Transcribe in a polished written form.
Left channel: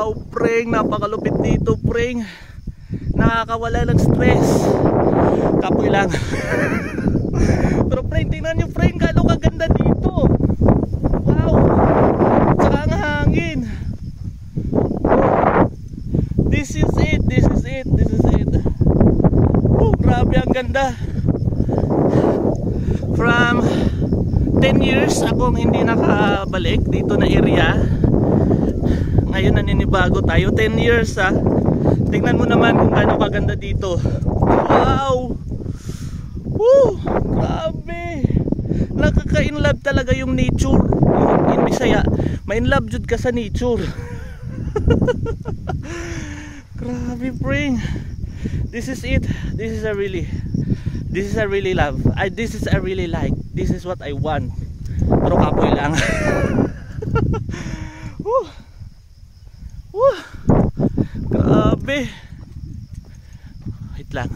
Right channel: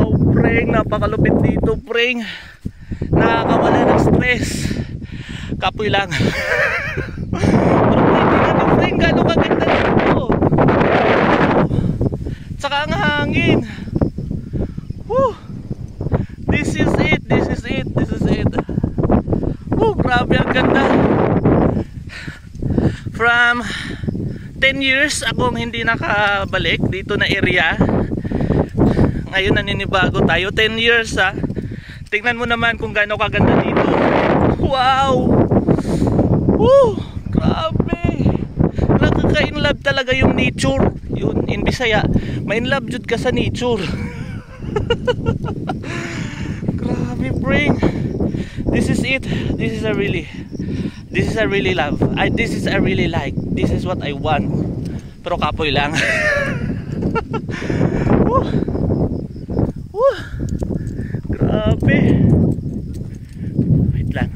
Wow, preng, napakalupit dito, preng. Nakakawala ng stress. Kapoy lang. Pero preng, tingnan yung preng, gano'ng kaganda dito. Saka ang hangin. Woo. This is it, this is it, this is it. Woo, grabe ang ganda. From 10 years akong hindi nakabalik dito na area. Ngayon naninibago tayo. 10 years ha. Tingnan mo naman kung gaano kaganda dito. Wow. Woo, grabe. Nakaka-inlove talaga yung nature. Yung in Bisaya, ma-inlove jud ka sa nature. Grabe, bring. This is it. This is a really love. This is a really like. This is what I want. Pero kapoy lang. Woo. Woo. Grabe. Wait lang.